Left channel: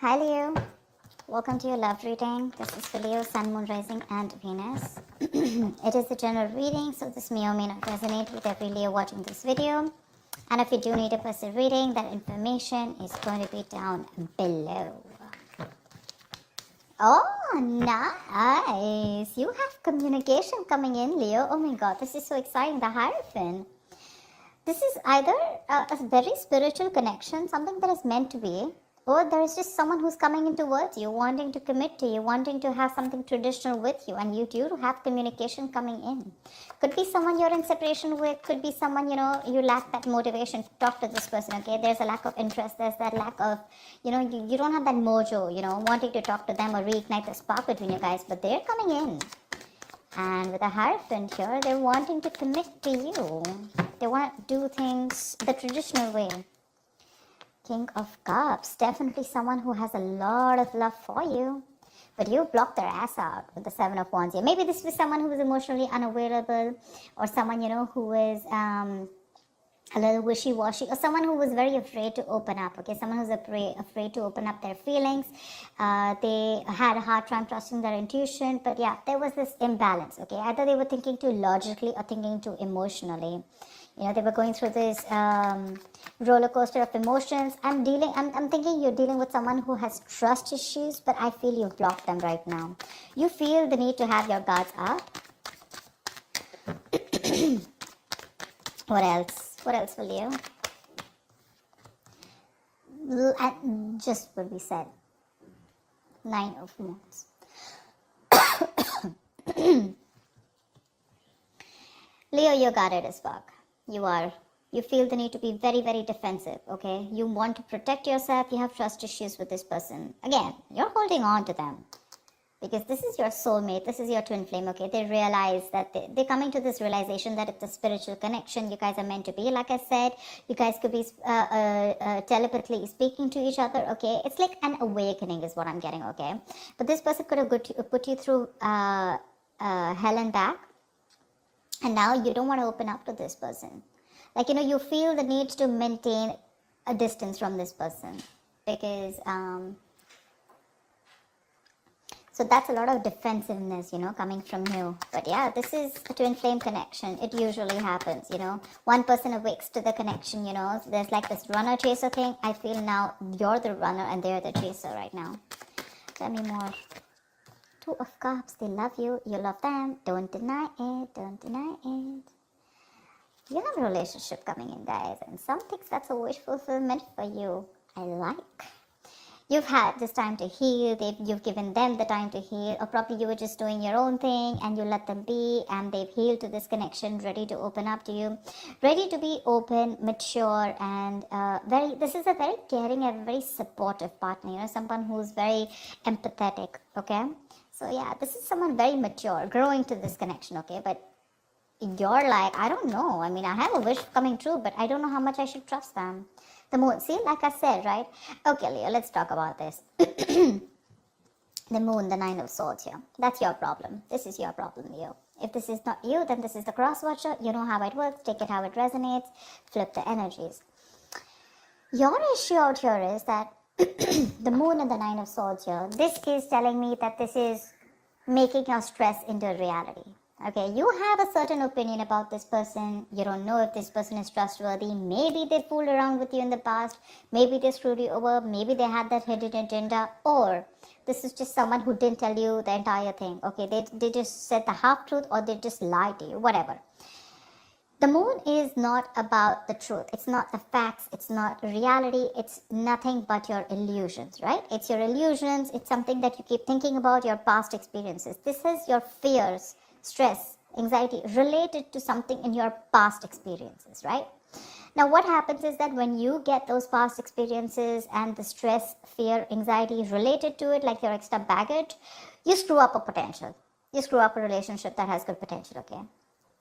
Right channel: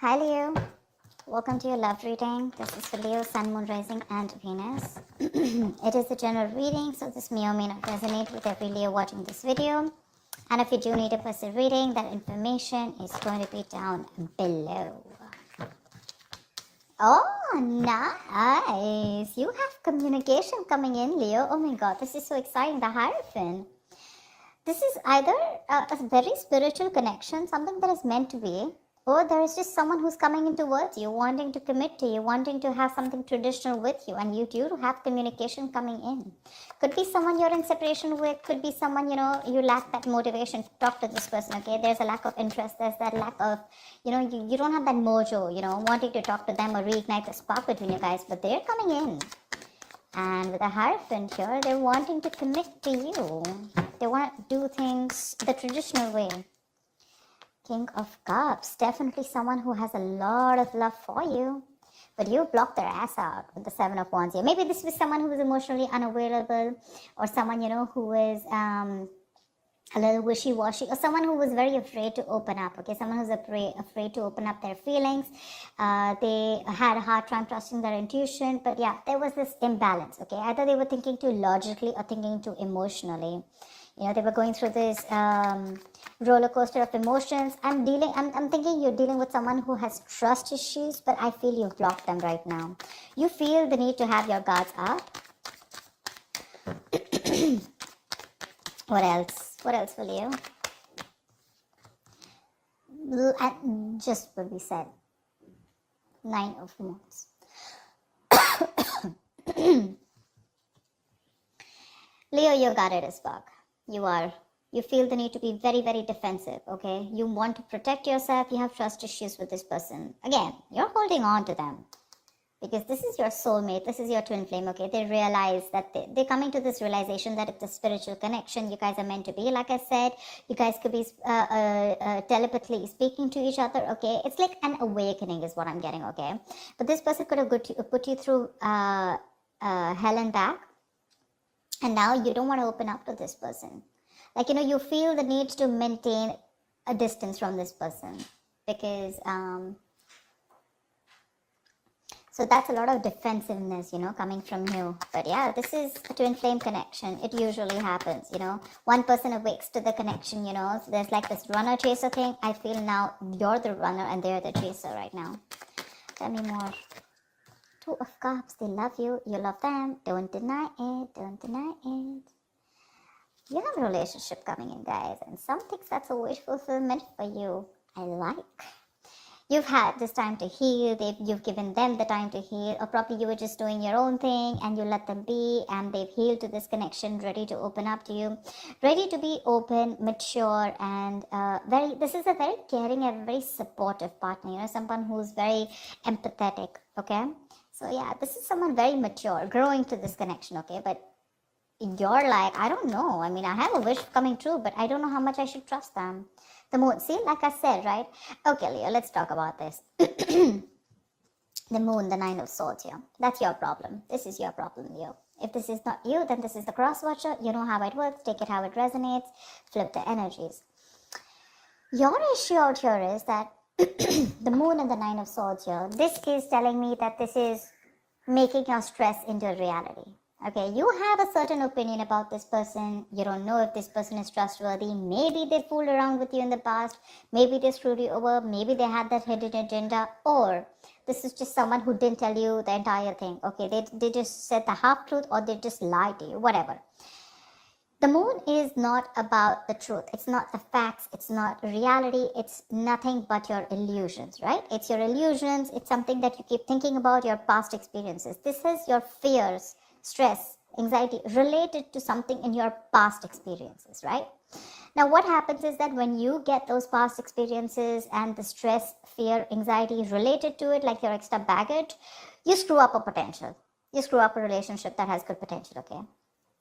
Hi Leo, welcome to your love reading. This is for Leo, Sun, Moon, Rising and Venus. It is a general reading, so this may or may not resonate with every Leo watching this video. And if you do need a personal reading, that information is going to be down below. Oh, nice. You have communication coming in, Leo. Oh my god, this is so exciting. The Hierophant. This is either a very spiritual connection, something that is meant to be, or there is just someone who's coming in towards you, wanting to commit to you, wanting to have something traditional with you, and you do have communication coming in. Could be someone you're in separation with, could be someone, you lack that motivation to talk to this person, okay? There's a lack of interest, there's that lack of, you don't have that mojo, wanting to talk to them or reignite the spark between you guys, but they're coming in. And with a Hierophant here, they're wanting to connect to you. They want to do things the traditional way. King of Cups, definitely someone who has a lot of love for you, but you blocked their ass out with the Seven of Wands here. Maybe this was someone who was emotionally unavailable, or someone who is a little wishy-washy, or someone who was very afraid to open up. Okay, someone who's afraid to open up their feelings. They had a hard time trusting their intuition, but yeah, there was this imbalance. Okay, either they were thinking too logically or thinking too emotionally. They were going through this roller coaster of emotions. I'm thinking you're dealing with someone who has trust issues, but I feel you've blocked them right now. You feel the need to have your guards up. What else? What else will you? Just what we said. 9 of Wands. Leo, your guarded is back. You feel the need to be very, very defensive, okay? You want to protect yourself. You have trust issues with this person. Again, you're holding on to them because this is your soulmate. This is your twin flame, okay? They realize that they're coming to this realization that it's a spiritual connection. You guys are meant to be. Like I said, you guys could be telepathically speaking to each other, okay? It's like an awakening is what I'm getting, okay? But this person could have put you through hell and back. And now you don't want to open up to this person. Like, you feel the need to maintain a distance from this person. Because, so that's a lot of defensiveness, coming from you. But yeah, this is a twin flame connection. It usually happens, One person awakes to the connection, So there's like this runner chaser thing. I feel now you're the runner and they're the chaser right now. Tell me more. 2 of Cups, they love you, you love them, don't deny it, don't deny it. You have a relationship coming in, guys, and some things that's a wish fulfillment for you. I like. You've had this time to heal, you've given them the time to heal, or probably you were just doing your own thing and you let them be, and they've healed to this connection, ready to open up to you, ready to be open, mature, and this is a very caring and very supportive partner, someone who's very empathetic, okay? So yeah, this is someone very mature, growing to this connection, okay? But you're like, I don't know. I mean, I have a wish coming true, but I don't know how much I should trust them. The moon, see, like I said, right? Okay, Leo, let's talk about this. The moon, the 9 of Swords here. That's your problem. This is your problem, Leo. If this is not you, then this is the cross watcher. You know how it works. Take it how it resonates. Flip the energies. Your issue out here is that the moon and the 9 of Swords here, this is telling me that this is making your stress into reality. Okay, you have a certain opinion about this person. You don't know if this person is trustworthy. Maybe they fooled around with you in the past. Maybe they screwed you over. Maybe they had that hidden agenda. Or this is just someone who didn't tell you the entire thing. Okay, they just said the half-truth, or they just lied to you, whatever. The moon is not about the truth. It's not the facts. It's not reality. It's nothing but your illusions, right? It's your illusions. It's something that you keep thinking about, your past experiences. This is your fears, stress, anxiety related to something in your past experiences, right? Now, what happens is that when you get those past experiences and the stress, fear, anxiety related to it, like your extra baggage, you screw up a potential. You screw up a relationship that has good potential, okay?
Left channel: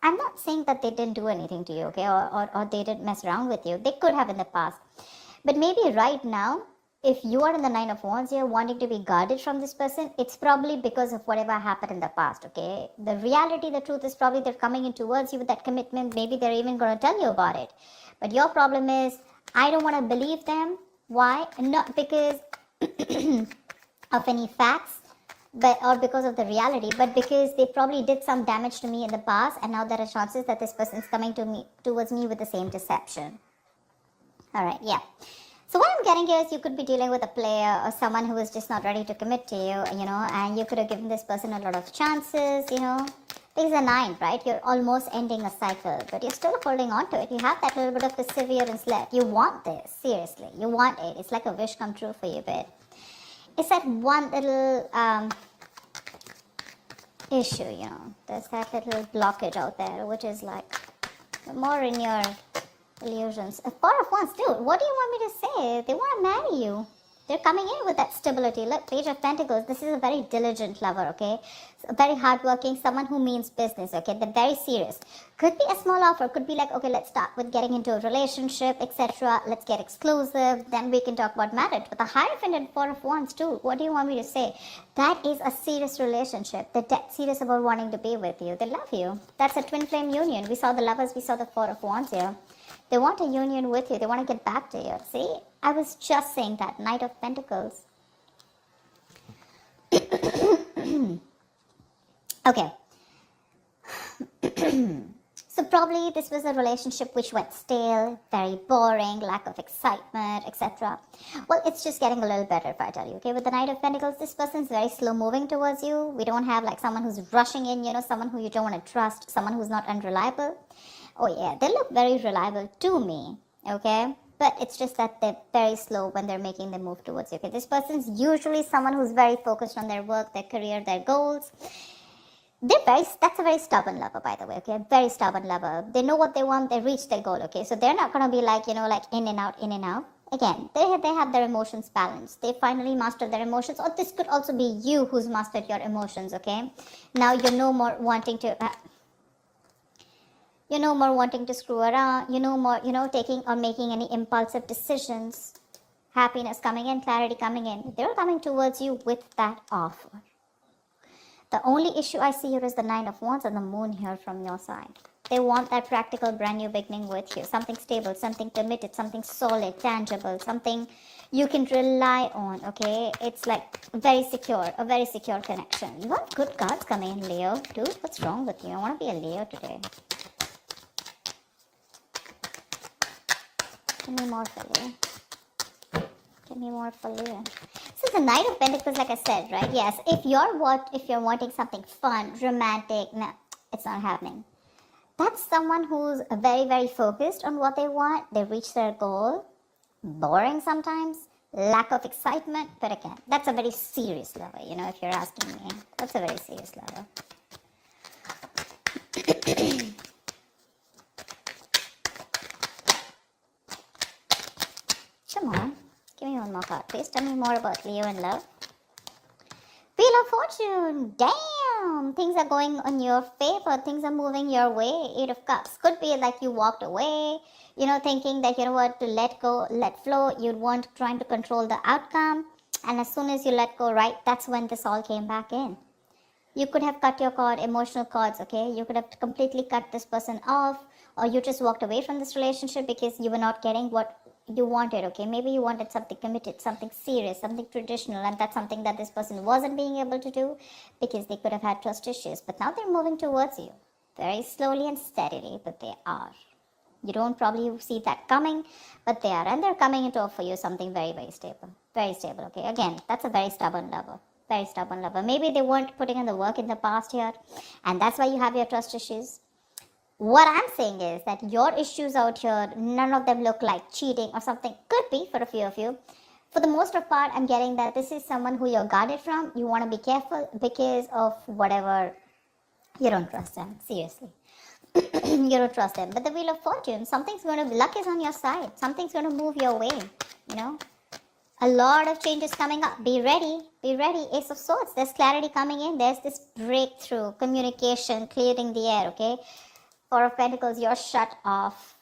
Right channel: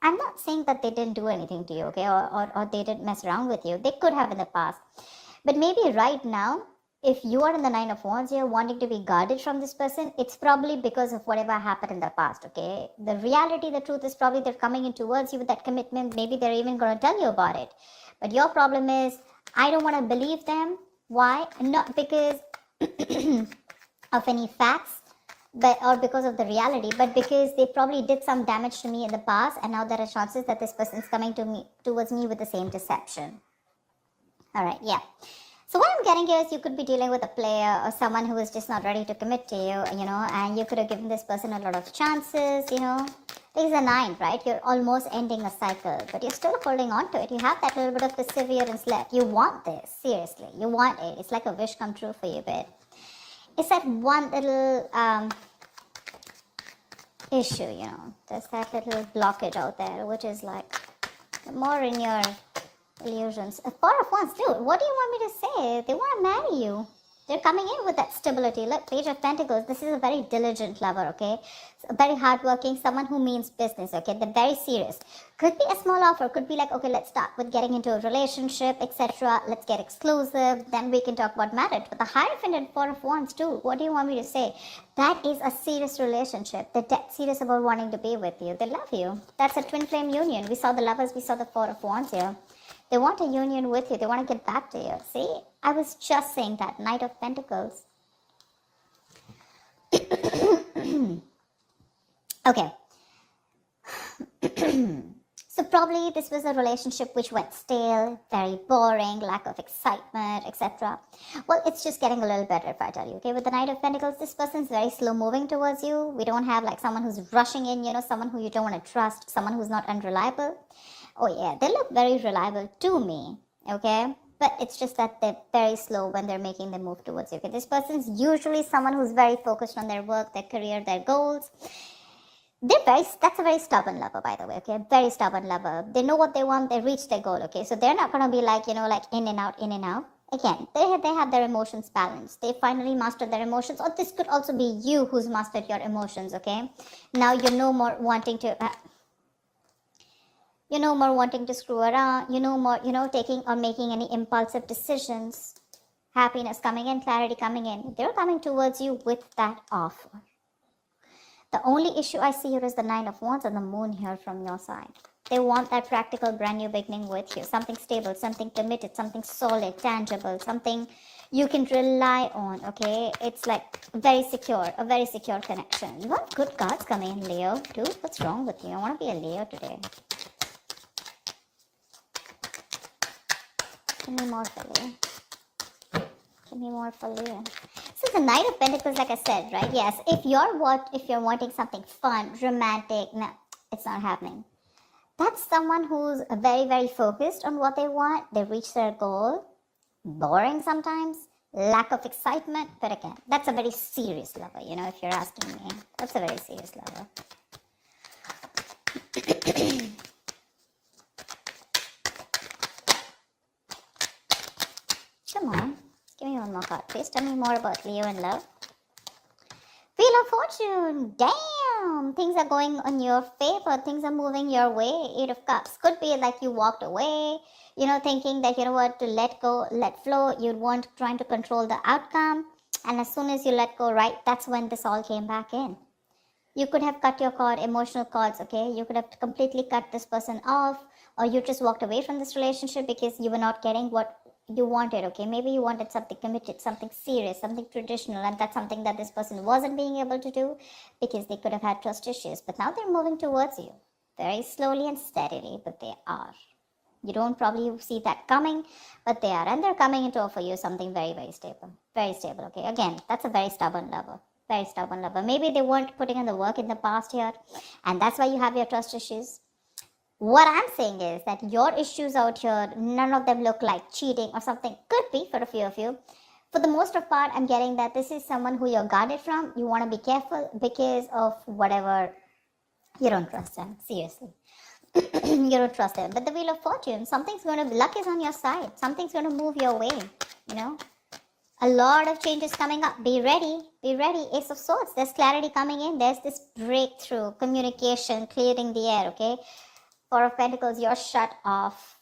I'm not saying that they didn't do anything to you, okay, or they didn't mess around with you. They could have in the past. But maybe right now, if you are in the 9 of Wands, you're wanting to be guarded from this person, it's probably because of whatever happened in the past, okay? The reality, the truth is probably they're coming in towards you with that commitment. Maybe they're even going to tell you about it. But your problem is, I don't want to believe them. Why? Not because of any facts, but or because of the reality, but because they probably did some damage to me in the past, and now there are chances that this person is coming towards me with the same deception. All right, yeah. So what I'm getting here is you could be dealing with a player or someone who is just not ready to commit to you, and you could have given this person a lot of chances, Things are 9, right? You're almost ending a cycle, but you're still holding on to it. You have that little bit of perseverance left. You want this, seriously. You want it. It's like a wish come true for you, babe. It's that one little issue, There's that little blockage out there, which is like more in your illusions. A part of us, dude, what do you want me to say? They want to marry you. They're coming in with that stability. Look, Page of Pentacles. This is a very diligent lover, okay? So very hardworking, someone who means business, okay? They're very serious. Could be a small offer. Could be like, okay, let's start with getting into a relationship, etc. Let's get exclusive. Then we can talk about marriage. But the Hierophant 4 of Wands, too. What do you want me to say? That is a serious relationship. They're dead serious about wanting to be with you. They love you. That's a twin flame union. We saw the lovers. We saw the 4 of Wands here. They want a union with you. They want to get back to you. See? I was just saying that. Knight of Pentacles. Okay. So probably this was a relationship which went stale, very boring, lack of excitement, etc. Well, it's just getting a little better if I tell you. Okay, with the Knight of Pentacles, this person's very slow moving towards you. We don't have like someone who's rushing in, someone who you don't want to trust, someone who's not unreliable. Oh yeah, they look very reliable to me, okay? But it's just that they're very slow when they're making the move towards you. Okay? This person's usually someone who's very focused on their work, their career, their goals. That's a very stubborn lover, by the way, okay? Very stubborn lover. They know what they want, they reach their goal, okay? So they're not going to be like, like in and out, in and out. Again, they have their emotions balanced. They finally mastered their emotions. Or this could also be you who's mastered your emotions, okay? Now you're no more wanting to... You're no more wanting to screw around. You're no more, taking or making any impulsive decisions. Happiness coming in, clarity coming in. They're coming towards you with that offer. The only issue I see here is the 9 of Wands and the Moon here from your side. They want that practical brand new beginning with you. Something stable, something committed, something solid, tangible, something you can rely on, okay? It's like a very secure connection. You want good cards coming in, Leo, too. What's wrong with you? I want to be a Leo today. Give me more for Leo. Give me more for Leo. So the Knight of Pentacles, like I said, right? Yes, if you're wanting something fun, romantic, no, it's not happening. That's someone who's very, very focused on what they want. They reach their goal. Boring sometimes. Lack of excitement. But again, that's a very serious lover, if you're asking me. That's a very serious lover. Come on. Give me one more card, please. Tell me more about Leo and love. Wheel of Fortune. Damn. Things are going on your favor. Things are moving your way. 8 of Cups. Could be like you walked away, thinking that you want to let go, let flow. You weren't trying to control the outcome. And as soon as you let go, right, that's when this all came back in. You could have cut your cord, emotional cords, okay? You could have completely cut this person off. Or you just walked away from this relationship because you were not getting what you wanted, okay? Maybe you wanted something committed, something serious, something traditional, and that's something that this person wasn't being able to do because they could have had trust issues. But now they're moving towards you very slowly and steadily, but they are. You don't probably see that coming, but they are, and they're coming in to offer you something very, very stable. Very stable, okay? Again, that's a very stubborn lover. Very stubborn lover. Maybe they weren't putting in the work in the past here, and that's why you have your trust issues. What I'm saying is that your issues out here, none of them look like cheating or something. Could be for a few of you. For the most of part, I'm getting that this is someone who you're guarded from. You want to be careful because of whatever. You don't trust them. Seriously. You don't trust them. But the Wheel of Fortune, luck is on your side. Something's going to move your way. A lot of changes coming up. Be ready. Be ready. Ace of Swords. There's clarity coming in. There's this breakthrough, communication, clearing the air, okay? 4 of Pentacles, you're shut off.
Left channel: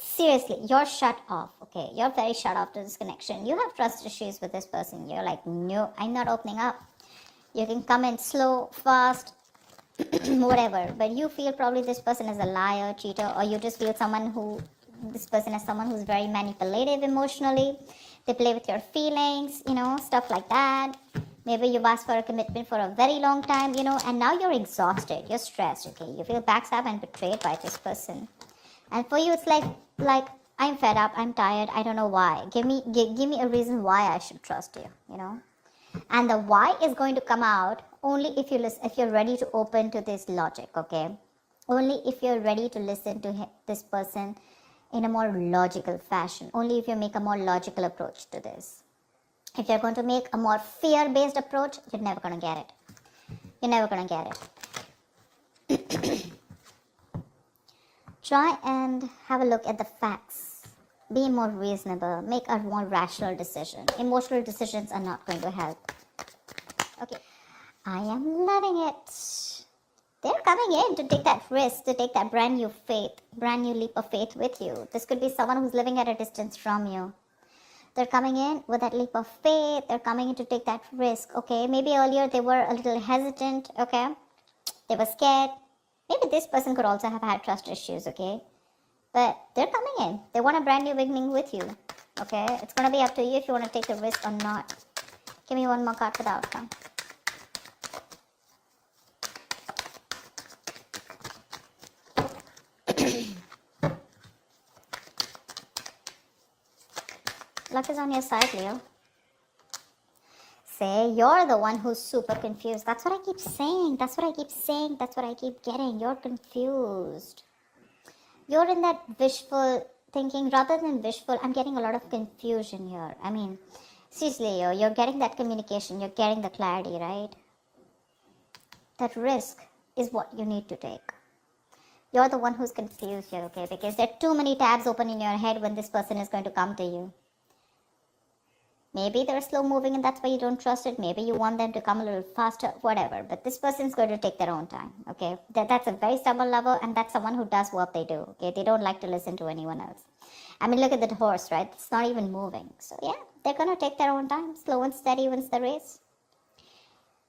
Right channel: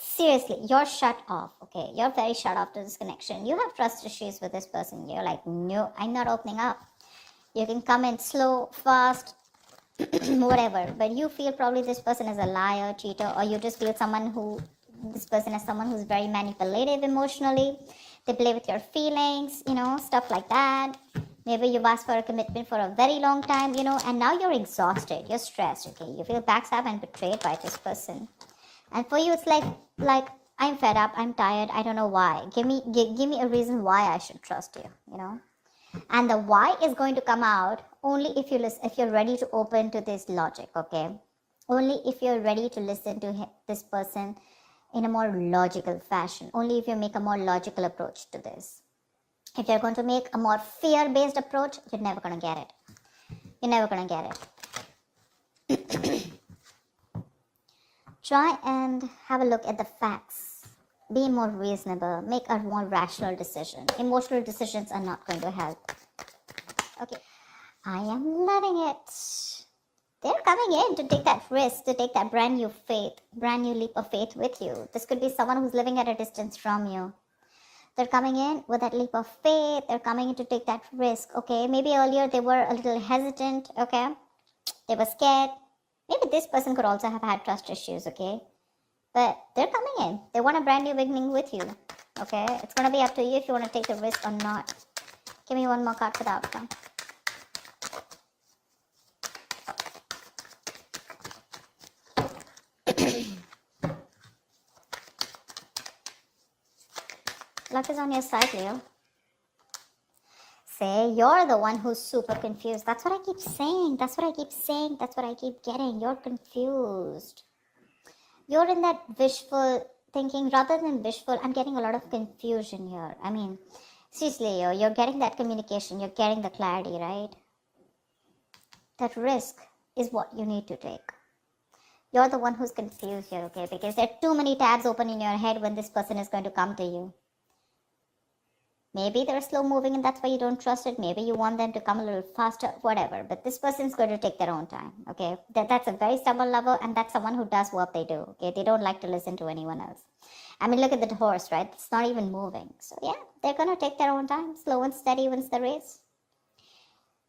Seriously, you're shut off, okay? You're very shut off to this connection. You have trust issues with this person. You're like, no, I'm not opening up. You can come in slow, fast, whatever. But you feel probably this person is a liar, cheater, or you just feel someone who This person is someone who's very manipulative emotionally. They play with your feelings, stuff like that. Maybe you asked for a commitment for a very long time, and now you're exhausted. You're stressed, okay? You feel backstabbed and betrayed by this person. And for you, it's like I'm fed up. I'm tired. I don't know why. Give me a reason why I should trust you. And the why is going to come out only if you're ready to open to this logic, okay? Only if you're ready to listen to this person in a more logical fashion. Only if you make a more logical approach to this. If you're going to make a more fear-based approach, you're never going to get it. You're never going to get it. Try and have a look at the facts. Be more reasonable. Make a more rational decision. Emotional decisions are not going to help. Okay. I am loving it. They're coming in to take that risk, to take that brand new leap of faith with you. This could be someone who's living at a distance from you. They're coming in with that leap of faith. They're coming in to take that risk, okay? Maybe earlier they were a little hesitant, okay? They were scared. Maybe this person could also have had trust issues, okay? But they're coming in. They want a brand new beginning with you, okay? It's going to be up to you if you want to take the risk or not. Give me one more card for the outcome. Luck is on your side, Leo. Say you're the one who's super confused. That's what I keep saying. That's what I keep saying. That's what I keep getting. You're confused. You're in that wishful thinking. Rather than wishful, I'm getting a lot of confusion here. I mean, seriously, Leo, you're getting that communication. You're getting the clarity, right? That risk is what you need to take. You're the one who's confused here, okay? Because there are too many tabs open in your head when this person is going to come to you. Maybe they're slow moving and that's why you don't trust it. Maybe you want them to come a little faster, whatever. But this person's going to take their own time, okay? That's a very stubborn lover, and that's someone who does what they do, okay? They don't like to listen to anyone else. I mean, look at the horse, right? It's not even moving. So yeah, they're going to take their own time. Slow and steady wins the race.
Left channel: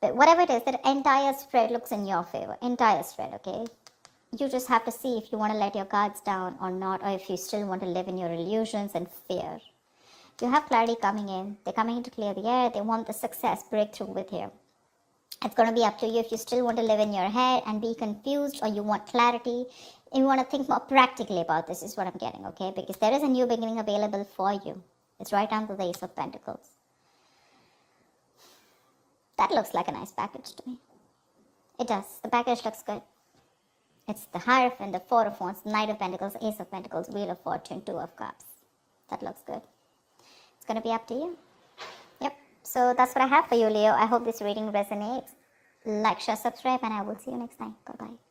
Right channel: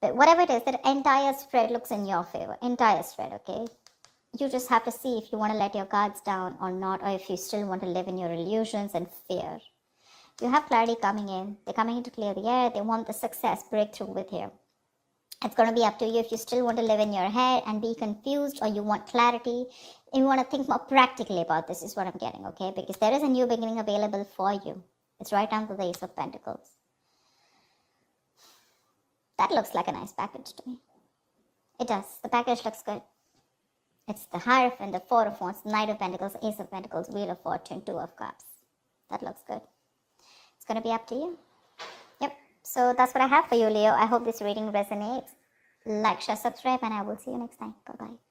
But whatever it is, that entire spread looks in your favor. Entire spread, okay? You just have to see if you want to let your cards down or not, or if you still want to live in your illusions and fear. You have clarity coming in. They're coming in to clear the air. They want the success breakthrough with you. It's going to be up to you if you still want to live in your head and be confused, or you want clarity. You want to think more practically about this is what I'm getting, okay? Because there is a new beginning available for you. It's right under the Ace of Pentacles. That looks like a nice package to me. It does. The package looks good. It's the Hierophant, the Four of Wands, Knight of Pentacles, Ace of Pentacles, Wheel of Fortune, Two of Cups. That looks good. It's going to be up to you. Yep. So that's what I have for you, Leo. I hope this reading resonates. Like, share, subscribe, and I will see you next time. Bye-bye.